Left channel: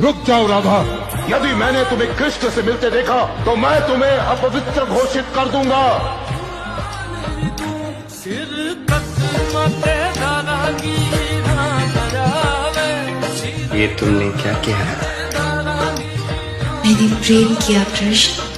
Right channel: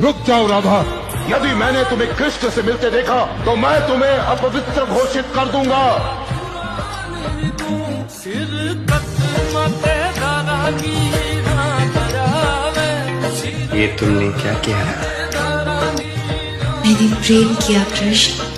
रुक जाओ राधा। यदि मैंने तुम्हें कृष्ण से मिलते देखा तो मैं तुम्हें अपवित्र घोषित कर दूंगा। ये तुमने क्या किया? मैंने प्रेम किया कृष्ण।